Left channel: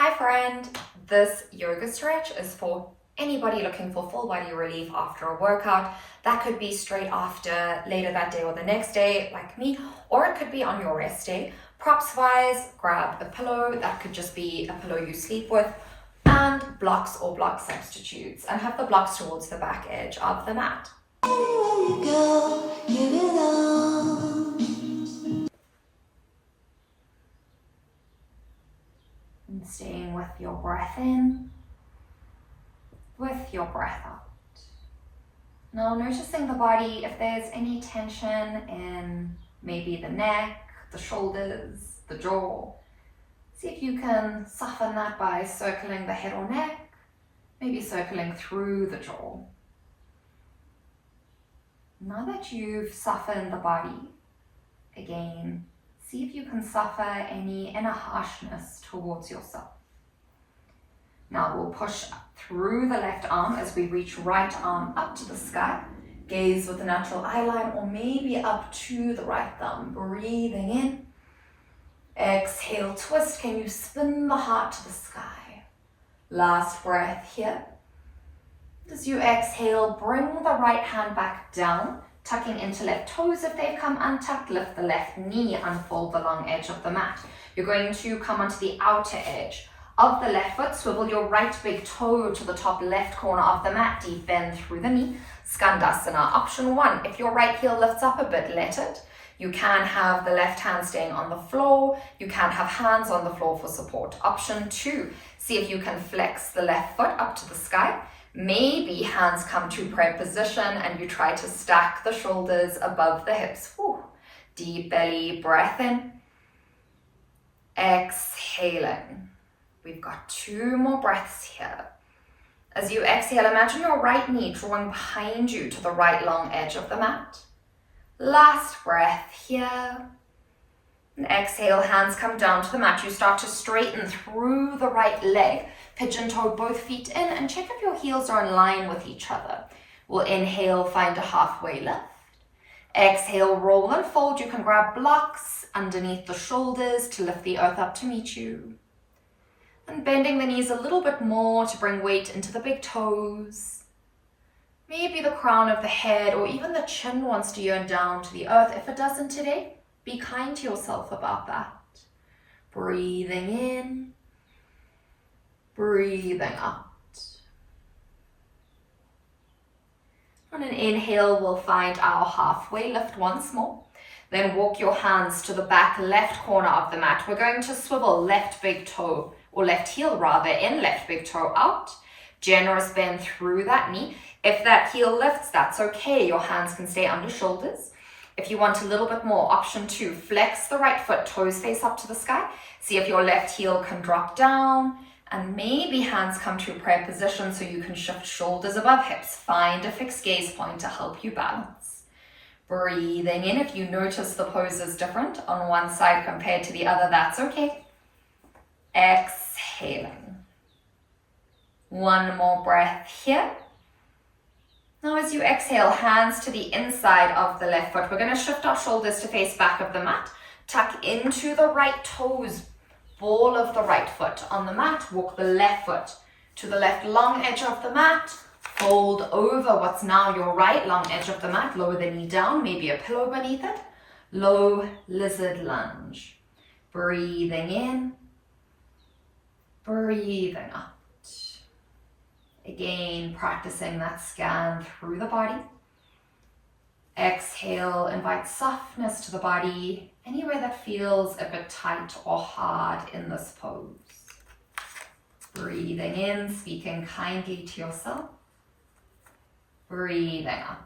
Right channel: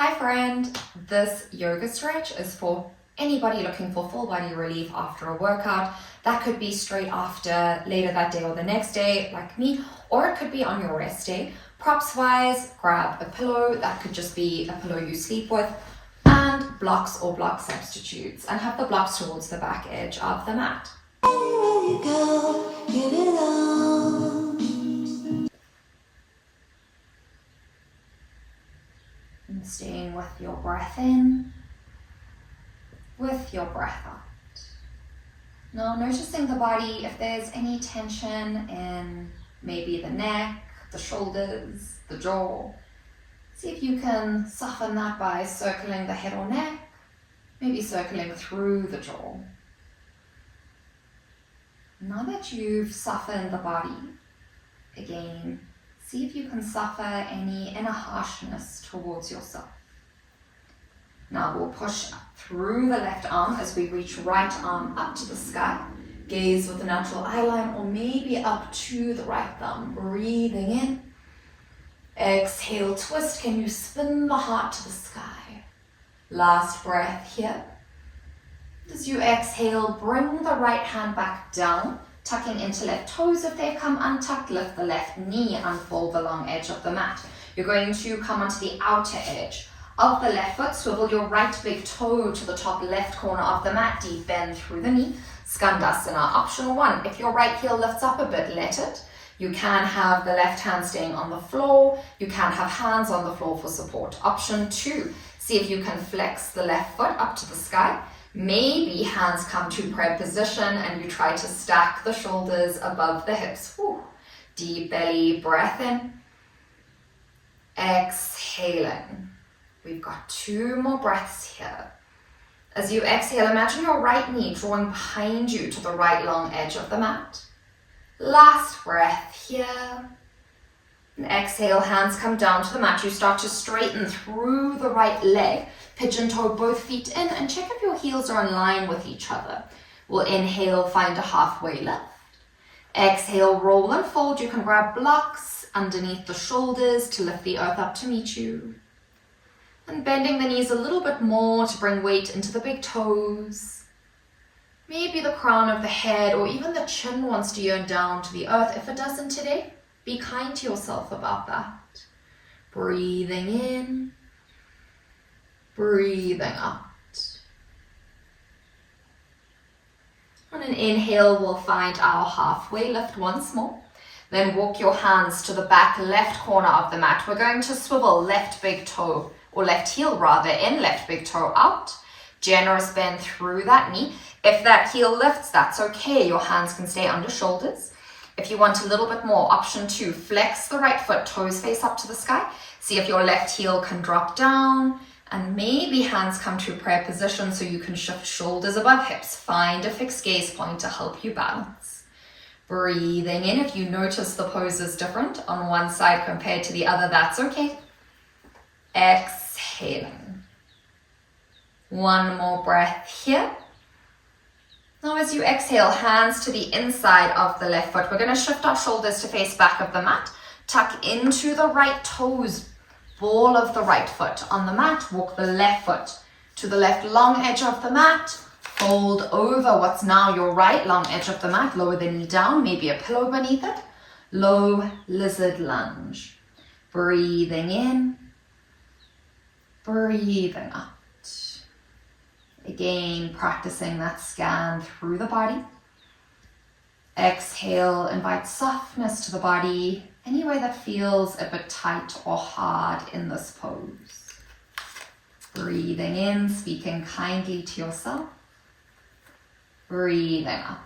Hi friend, this yoga stretch is for anybody looking for full body relief after a workout. That could be straight after, later that day or the next day, like me, or it could be on your rest day. Props wise, grab a pillow, that could just be a pillow you sleep with, and blocks or block substitutes, and have the blocks towards the back edge of the mat. Anywhere you go, give it all. And staying with your breath in, with your breath out. Now noticing the body, if there's any tension in maybe the neck, the shoulders, the jaw. See if you can soften that by circling the head or neck, maybe circling through the jaw. Now that you've softened the body, again, see if you can suffer any inner harshness towards yourself. Now we'll push through the left arm as we reach right arm up to the sky. Gaze with the natural eye line or maybe up to the right thumb. Breathing in. Exhale, twist. Can you spin the heart to the sky? Last breath here. As you exhale, bring the right hand back down, tucking into left toes if they've come untucked. Lift the left knee, unfold the long edge of the mat. You're going to come onto the outer edge of the left foot. Swivel your right big toe to the top left corner of the mat. Deep bend through the knee. Skandasana. Option 1, if your right heel lifts up a bit, let it. You can have the left hand staying on the floor. You can have hands on the floor for support. Option 2, see if you can flex the left foot up to the sky. Maybe hands come to prayer position and you try to stack the shoulders above the hips. Whew. Deep belly breath in. Exhaling. We've got 2 more breaths here. As you exhale, imagine your right knee drawing behind you to the right long edge of the mat. Last breath here. And exhale, hands come down to the mat. You start to straighten through the right leg. Pigeon toe both feet in and check if your heels are in line with each other. We'll inhale, find a halfway lift. Exhale, roll and fold. You can grab blocks underneath the shoulders to lift the earth up to meet you. And bending the knees a little bit more to bring weight into the big toes. Maybe the crown of the head or even the chin wants to yearn down to the earth. If it doesn't today, be kind to yourself about that. Breathing in, breathing out. On an inhale, we'll find our halfway lift once more. Then walk your hands to the back left corner of the mat. We're going to swivel left big toe, or left heel rather, in, left big toe out. Generous bend through that knee. If that heel lifts, that's okay. Your hands can stay under shoulders. If you want a little bit more, option 2, flex the right foot, toes face up to the sky. See if your left heel can drop down, and maybe hands come to prayer position so you can shift shoulders above hips. Find a fixed gaze point to help you balance. Breathing in. If you notice the pose is different on one side compared to the other, that's okay. Exhaling. 1 more breath here. Now as you exhale, hands to the inside of the left foot. We're going to shift our shoulders to face back of the mat. Tuck into the right toes, ball of the right foot on the mat. Walk the left foot to the left long edge of the mat. Fold over what's now your right long edge of the mat. Lower the knee down, maybe a pillow beneath it. Low lizard lunge. Breathing in, breathing out. Again, practicing that scan through the body. Exhale, invite softness to the body, anywhere that feels a bit tight or hard in this pose. Breathing in, speaking kindly to yourself. Breathing out.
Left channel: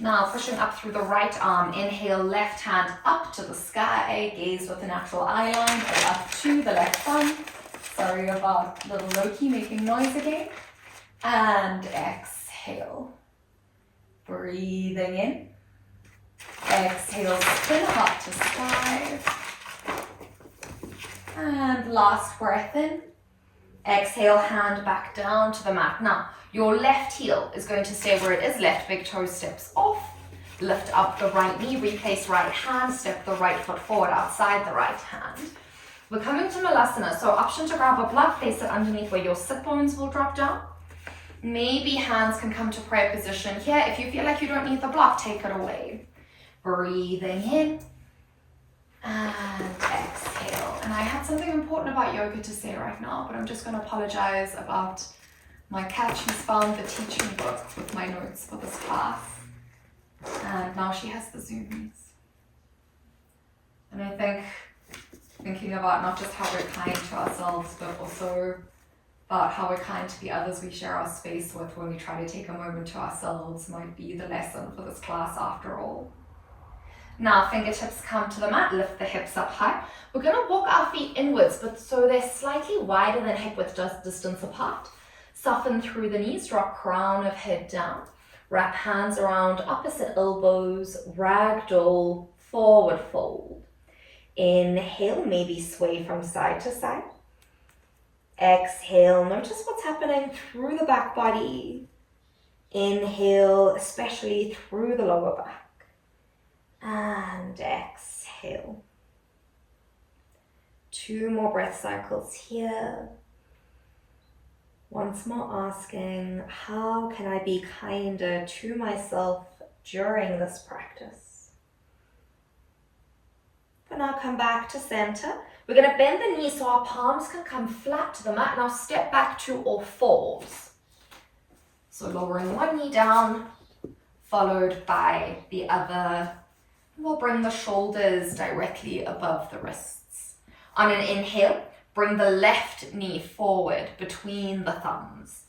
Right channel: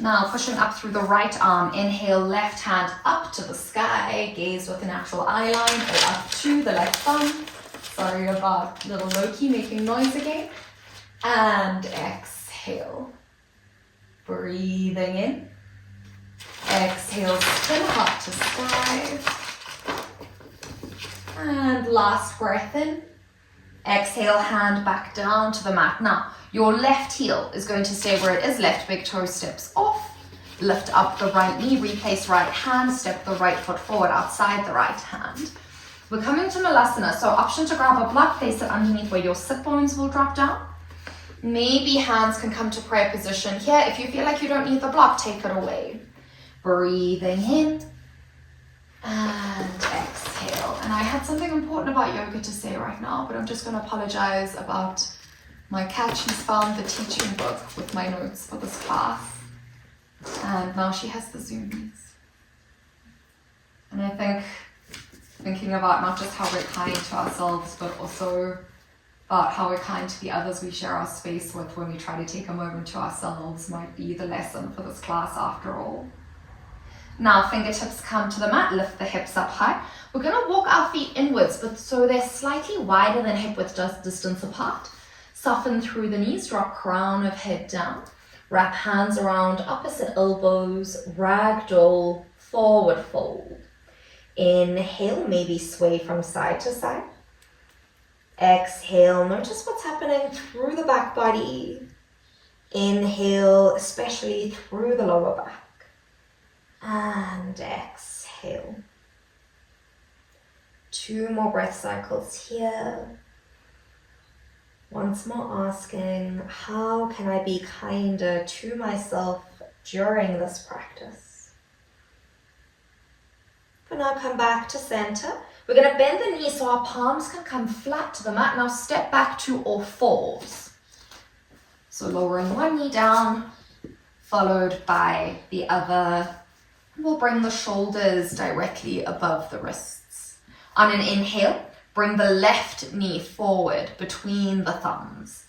Now pushing up through the right arm, inhale, left hand up to the sky, gaze with the natural eye line, or up to the left thumb. Sorry about little Loki making noise again. And exhale. Breathing in. Exhale, spin heart to sky. And last breath in. Exhale, hand back down to the mat. Now, your left heel is going to stay where it is. Left big toe steps off. Lift up the right knee, replace right hand, step the right foot forward outside the right hand. We're coming to malasana, so option to grab a block, place it underneath where your sit bones will drop down. Maybe hands can come to prayer position here. If you feel like you don't need the block, take it away. Breathing in and exhale. And I had something important about yoga to say right now, but I'm just going to apologize about my cat. She's found the teaching book with my notes for this class, and now she has the zoomies. And I think thinking about not just how we're kind to ourselves, but also about how we're kind to the others we share our space with when we try to take a moment to ourselves might be the lesson for this class after all. Now fingertips come to the mat, lift the hips up high. We're going to walk our feet inwards, but so they're slightly wider than hip width distance apart. Soften through the knees, drop crown of head down. Wrap hands around opposite elbows, ragdoll, forward fold. Inhale, maybe sway from side to side. Exhale, notice what's happening through the back body. Inhale, especially through the lower back. And exhale. 2 more breath cycles here. Once more asking, how can I be kinder to myself during this practice? For now, come back to center. We're going to bend the knees so our palms can come flat to the mat. Now step back to all fours. So lowering one knee down, followed by the other. And we'll bring the shoulders directly above the wrists. On an inhale, bring the left knee forward between the thumbs.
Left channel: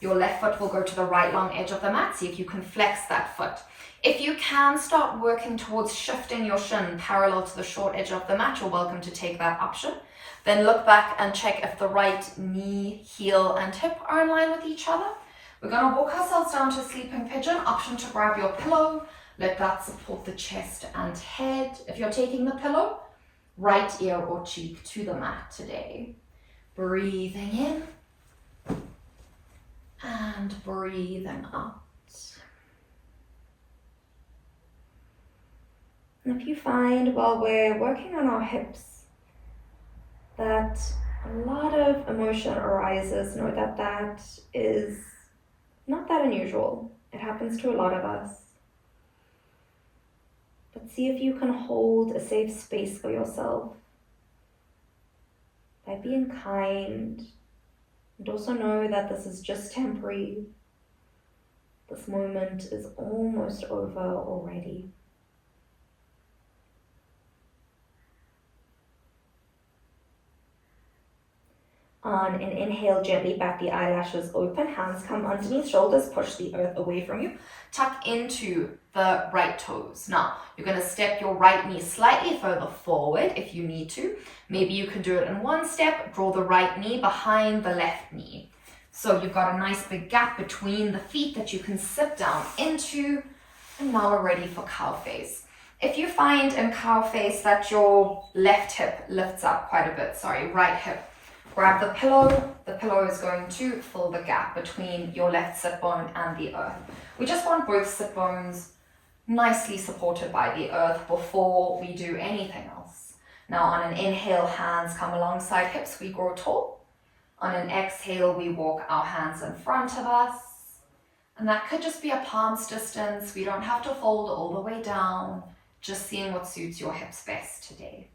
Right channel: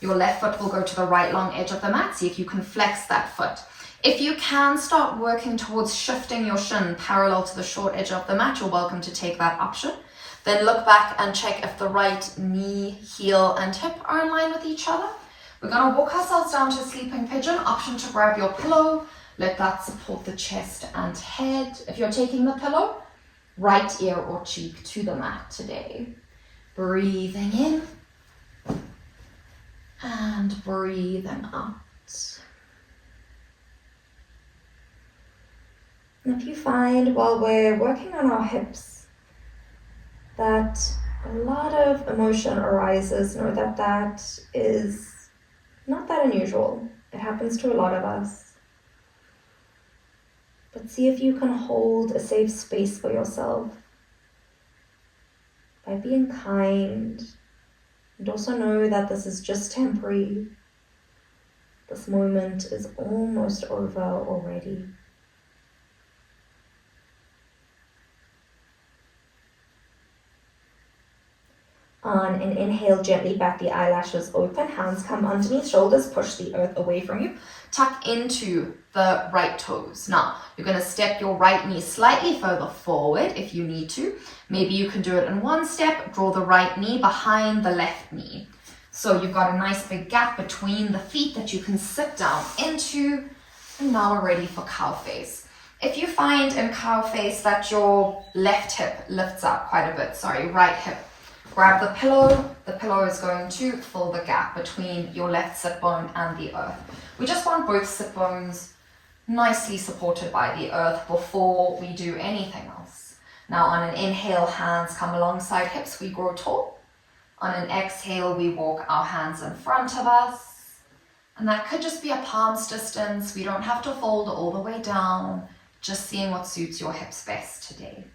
Your left foot will go to the right long edge of the mat. See if you can flex that foot. If you can start working towards shifting your shin parallel to the short edge of the mat, you're welcome to take that option. Then look back and check if the right knee, heel, and hip are in line with each other. We're going to walk ourselves down to sleeping pigeon. Option to grab your pillow. Let that support the chest and head. If you're taking the pillow, right ear or cheek to the mat today. Breathing in and breathing out. And if you find while we're working on our hips that a lot of emotion arises, know that that is not that unusual. It happens to a lot of us. But see if you can hold a safe space for yourself by being kind, and also know that this is just temporary. This moment is almost over already. On an inhale, gently back the eyelashes open, hands come underneath shoulders, push the earth away from you. Tuck into the right toes. Now, you're going to step your right knee slightly further forward if you need to. Maybe you can do it in one step, draw the right knee behind the left knee. So you've got a nice big gap between the feet that you can sit down into, and now we're ready for cow face. If you find in cow face that your left hip lifts up quite a bit, right hip, grab the pillow. The pillow is going to fill the gap between your left sit bone and the earth. We just want both sit bones nicely supported by the earth before we do anything else. Now on an inhale, hands come alongside hips, we grow tall. On an exhale, we walk our hands in front of us. And that could just be a palm's distance. We don't have to fold all the way down, just seeing what suits your hips best today.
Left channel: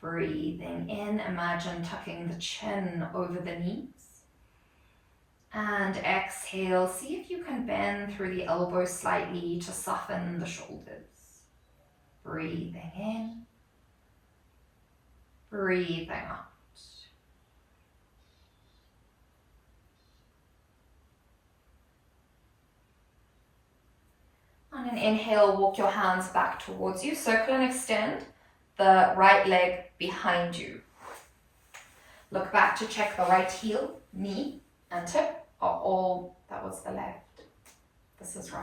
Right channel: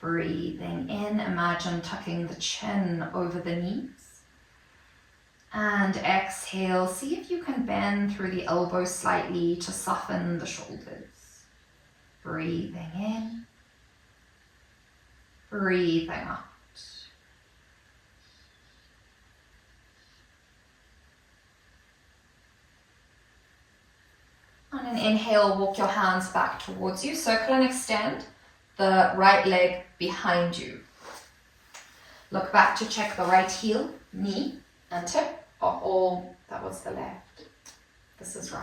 Breathing in, imagine tucking the chin over the knees. And exhale, see if you can bend through the elbows slightly to soften the shoulders. Breathing in, breathing out. On an inhale, walk your hands back towards you, circle and extend the right leg behind you. Look back to check the right heel, knee, and hip are all, that was the left. This is right.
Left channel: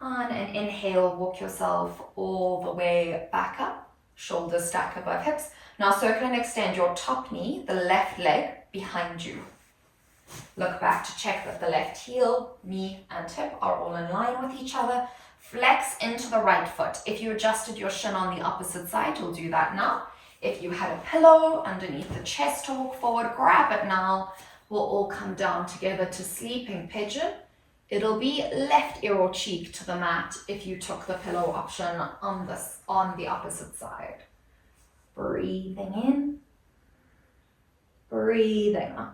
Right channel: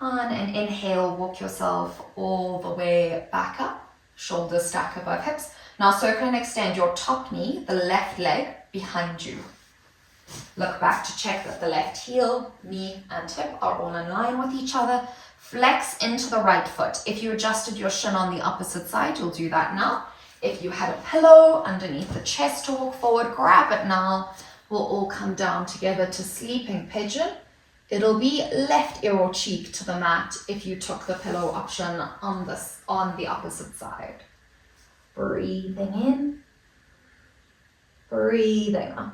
On an inhale, walk yourself all the way back up, shoulders stack above hips. Now circle and extend your top knee, the left leg, behind you. Look back to check that the left heel, knee, and hip are all in line with each other. Flex into the right foot. If you adjusted your shin on the opposite side, you'll do that now. If you had a pillow underneath the chest to walk forward, grab it now. We'll all come down together to sleeping pigeon. It'll be left ear or cheek to the mat if you took the pillow option on the opposite side. Breathing in, breathing out.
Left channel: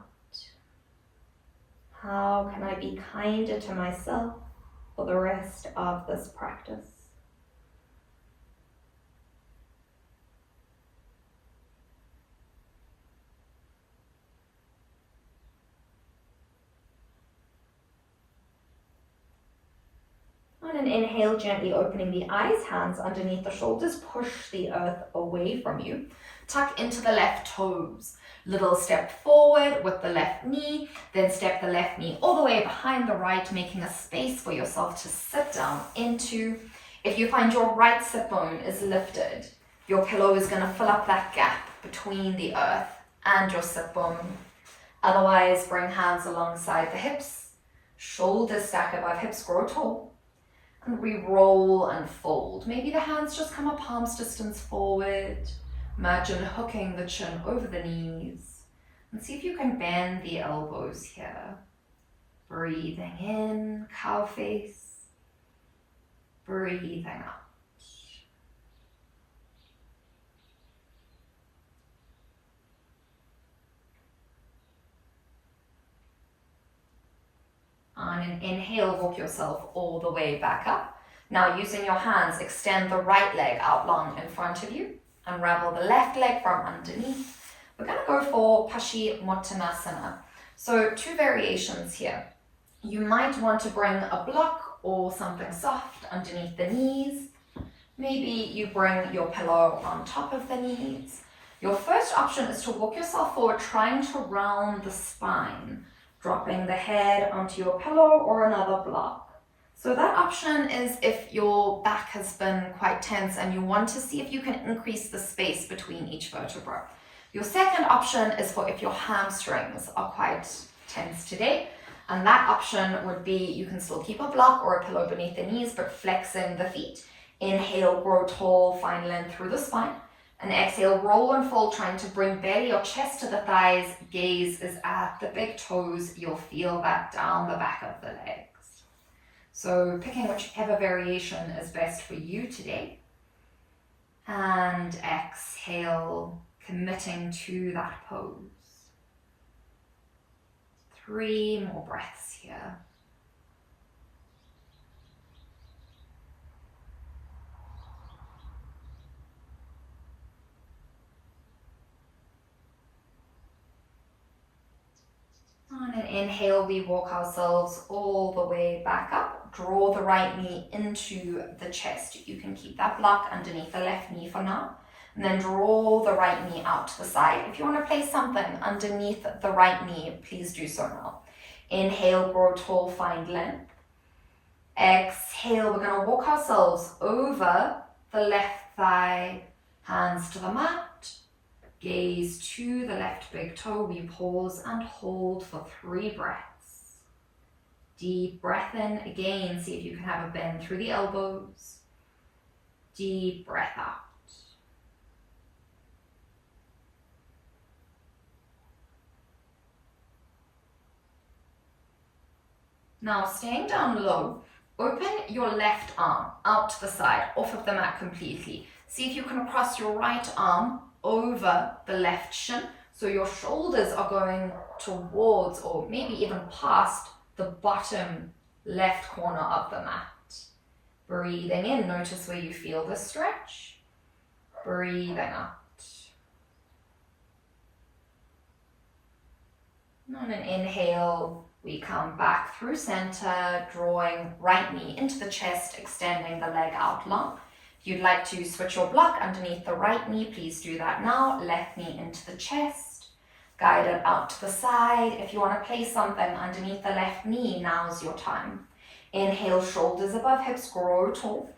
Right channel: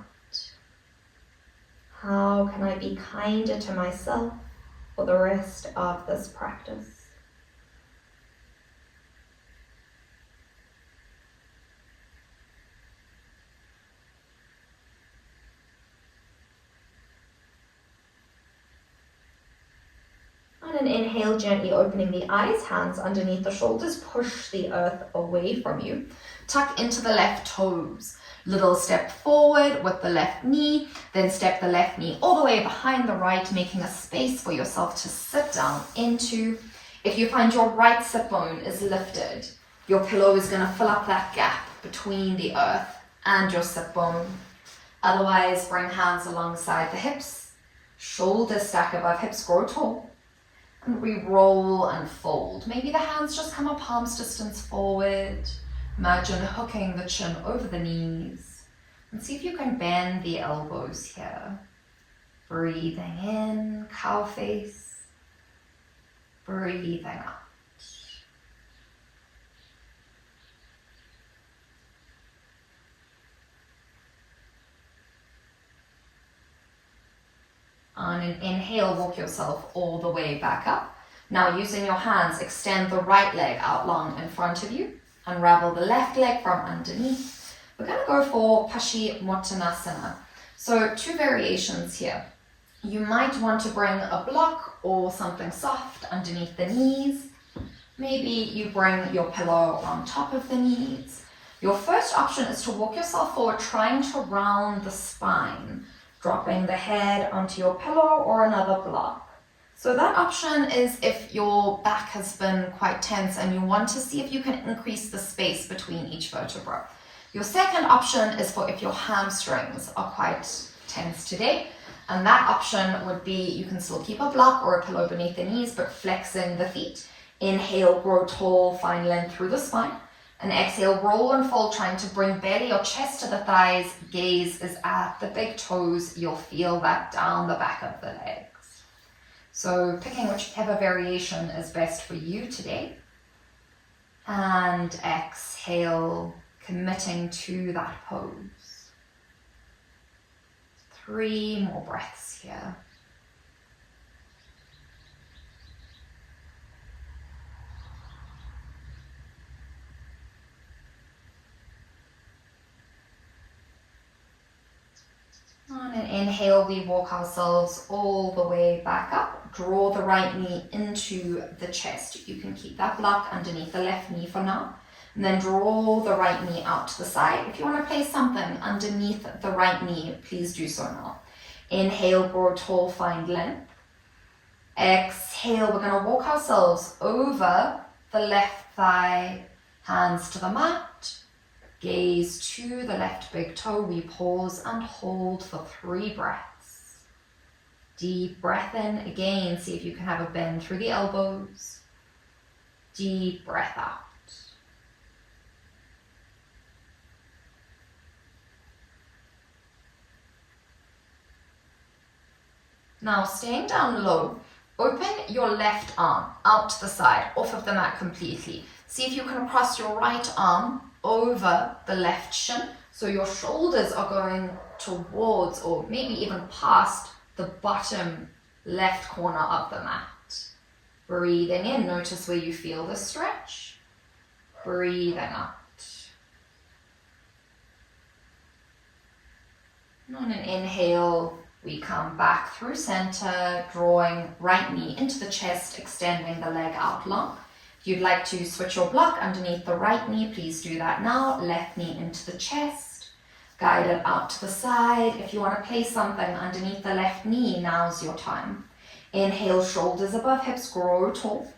How can I be kinder to myself for the rest of this practice? On an inhale, gently opening the eyes, hands underneath the shoulders, push the earth away from you. Tuck into the left toes. Little step forward with the left knee, then step the left knee all the way behind the right, making a space for yourself to sit down into. If you find your right sit bone is lifted, your pillow is going to fill up that gap between the earth and your sit bone. Otherwise, bring hands alongside the hips, shoulders stack above hips, grow tall. And we roll and fold. Maybe the hands just come a palm's distance forward. Imagine hooking the chin over the knees. And see if you can bend the elbows here. Breathing in, cow face. Breathing out. On an inhale, walk yourself all the way back up. Now using your hands, extend the right leg out long in front of you. Unravel the left leg from underneath. We're going to go for Paschimottanasana. So 2 variations here. You might want to bring a block or something soft underneath the knees. Maybe you bring your pillow on top of the knees. Your first option is to walk yourself forward, trying to round the spine, dropping the head onto your pillow or another block. So that option is if your back has been quite tense and you want to see if you can increase the space between each vertebra. Your second option is for if your hamstrings are quite tense today. And that option would be, you can still keep a block or a pillow beneath the knees, but flexing the feet. Inhale, grow tall, find length through the spine. And exhale, roll and fold, trying to bring belly or chest to the thighs. Gaze is at the big toes. You'll feel that down the back of the legs. So picking whichever variation is best for you today. And exhale, committing to that pose. 3 more breaths here. On an inhale, we walk ourselves all the way back up. Draw the right knee into the chest. You can keep that block underneath the left knee for now. And then draw the right knee out to the side. If you want to place something underneath the right knee, please do so now. Inhale, grow tall, find length. Exhale, we're going to walk ourselves over the left thigh, hands to the mat. Gaze to the left big toe. We pause and hold for 3 breaths. Deep breath in. Again, see if you can have a bend through the elbows. Deep breath out. Now, staying down low, open your left arm out to the side, off of the mat completely. See if you can cross your right arm over the left shin, so your shoulders are going towards or maybe even past the bottom left corner of the mat. Breathing in, notice where you feel the stretch. Breathing out. And on an inhale, we come back through center, drawing right knee into the chest, extending the leg out long. If you'd like to switch your block underneath the right knee, please do that now. Left knee into the chest, guide it out to the side. If you want to place something underneath the left knee, now's your time. Inhale, shoulders above hips, grow tall.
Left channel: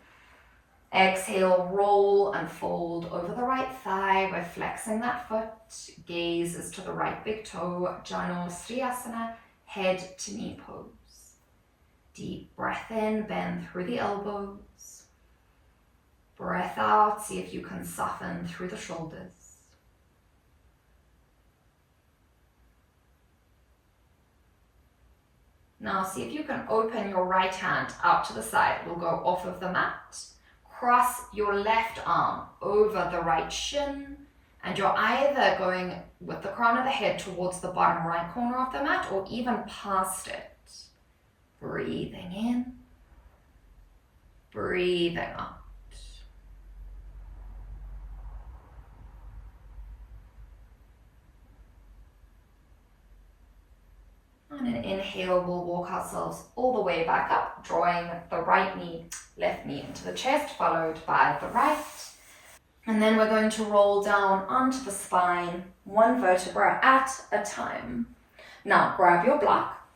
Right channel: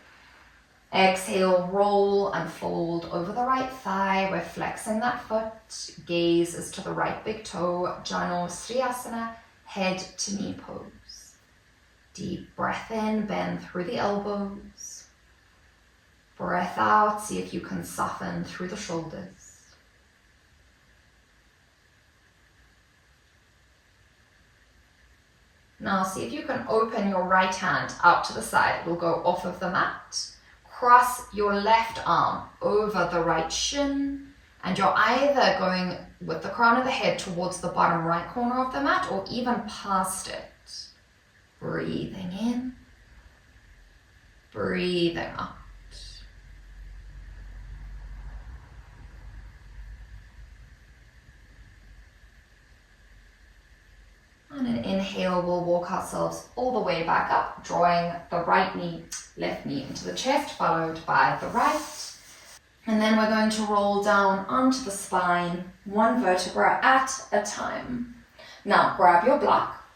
Exhale, roll and fold over the right thigh. We're flexing that foot. Gaze is to the right big toe. Janu, sirsasana. head to knee pose. Deep breath in, bend through the elbows. Breath out, see if you can soften through the shoulders. Now see if you can open your right hand out to the side. It will go off of the mat. Cross your left arm over the right shin, and you're either going with the crown of the head towards the bottom right corner of the mat or even past it. Breathing in, breathing out. On an inhale, we'll walk ourselves all the way back up, drawing the right knee, left knee into the chest, followed by the right. And then we're going to roll down onto the spine, one vertebra at a time. Now grab your block,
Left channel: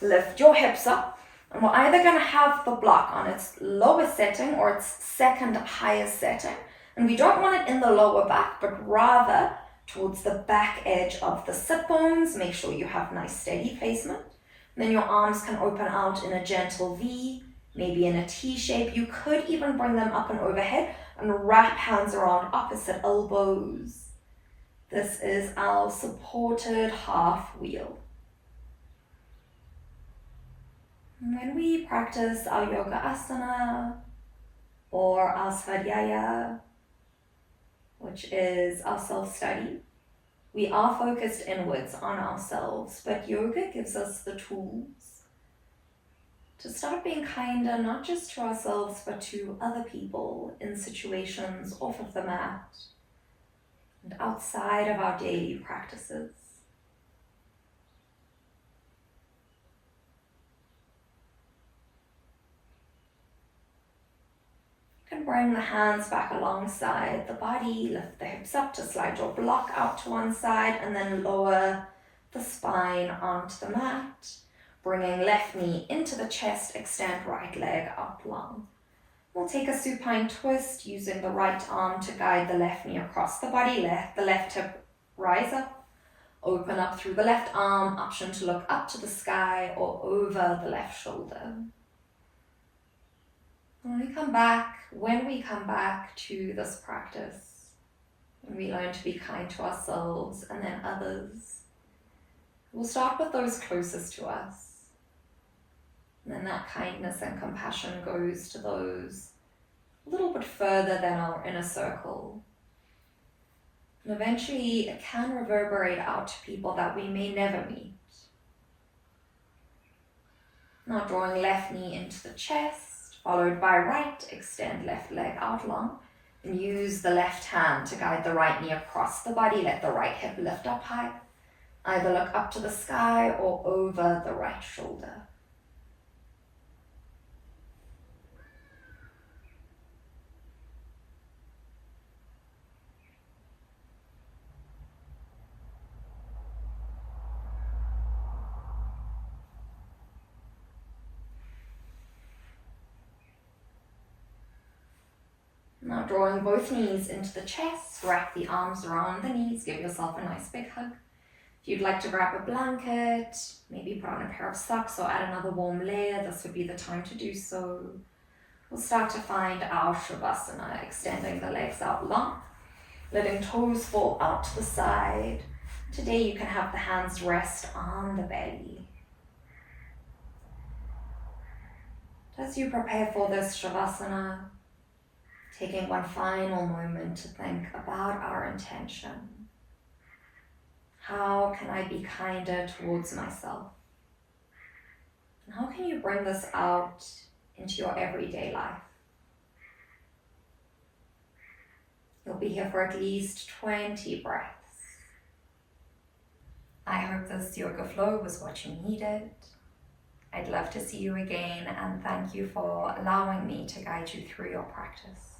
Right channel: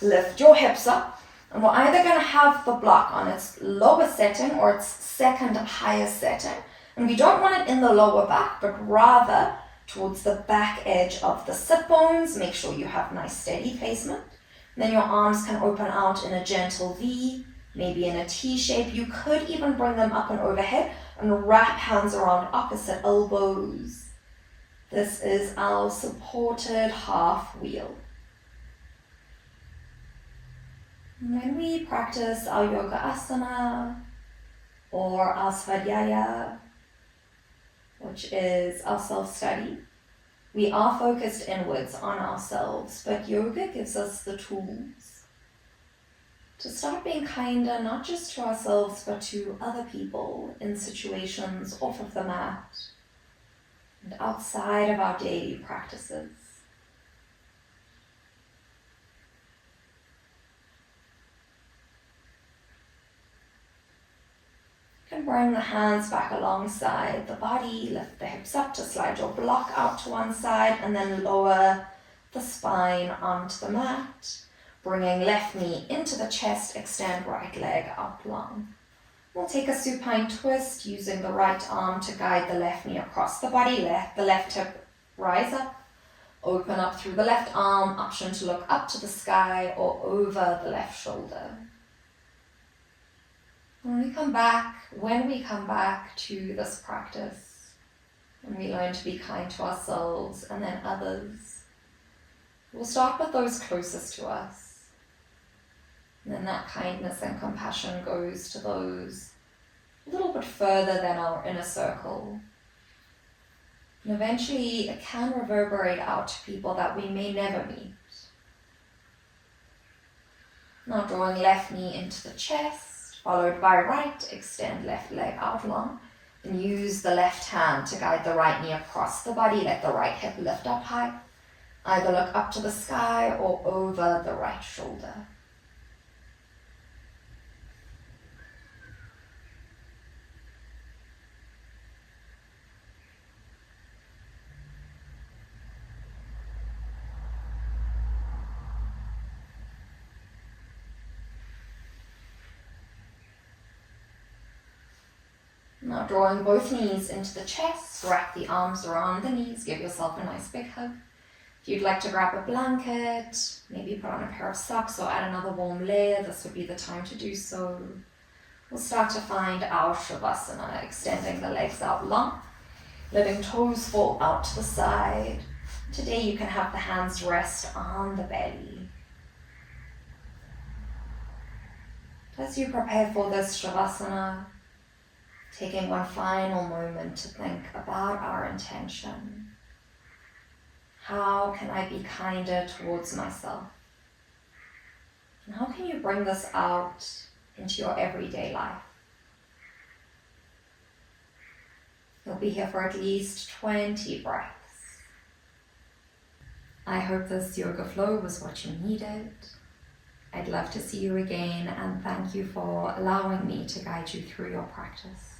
lift your hips up, and we're either going to have the block on its lower setting or its second highest setting. And we don't want it in the lower back, but rather towards the back edge of the sit bones. Make sure you have nice steady placement. And then your arms can open out in a gentle V, maybe in a T shape. You could even bring them up and overhead and wrap hands around opposite elbows. This is our supported half wheel. And when we practice our yoga asana or our svadhyaya, which is our self-study, we are focused inwards on ourselves, but yoga gives us the tools to start being kinder, not just to ourselves, but to other people in situations off of the mat and outside of our daily practices. Bring the hands back alongside the body, lift the hips up to slide your block out to one side, and then lower the spine onto the mat. Bringing left knee into the chest, extend right leg out long. We'll take a supine twist using the right arm to guide the left knee across the body, let the left hip rise up. Open up through the left arm, option to look up to the sky or over the left shoulder. When we come back to this practice, when we learn to be kind to ourselves and then others, we'll start with those closest to us. And then that kindness and compassion goes to those a little bit further than our inner circle. And eventually it can reverberate out to people that we may never meet. Now drawing left knee into the chest, followed by right, extend left leg out long, and use the left hand to guide the right knee across the body. Let the right hip lift up high. Either look up to the sky or over the right shoulder. Now drawing both knees into the chest, wrap the arms around the knees, give yourself a nice big hug. If you'd like to grab a blanket, maybe put on a pair of socks or add another warm layer, this would be the time to do so. We'll start to find our Savasana, extending the legs out long, letting toes fall out to the side. Today you can have the hands rest on the belly. As you prepare for this Savasana, taking one final moment to think about our intention. How can I be kinder towards myself? And how can you bring this out into your everyday life? You'll be here for at least 20 breaths. I hope this yoga flow was what you needed. I'd love to see you again, and thank you for allowing me to guide you through your practice.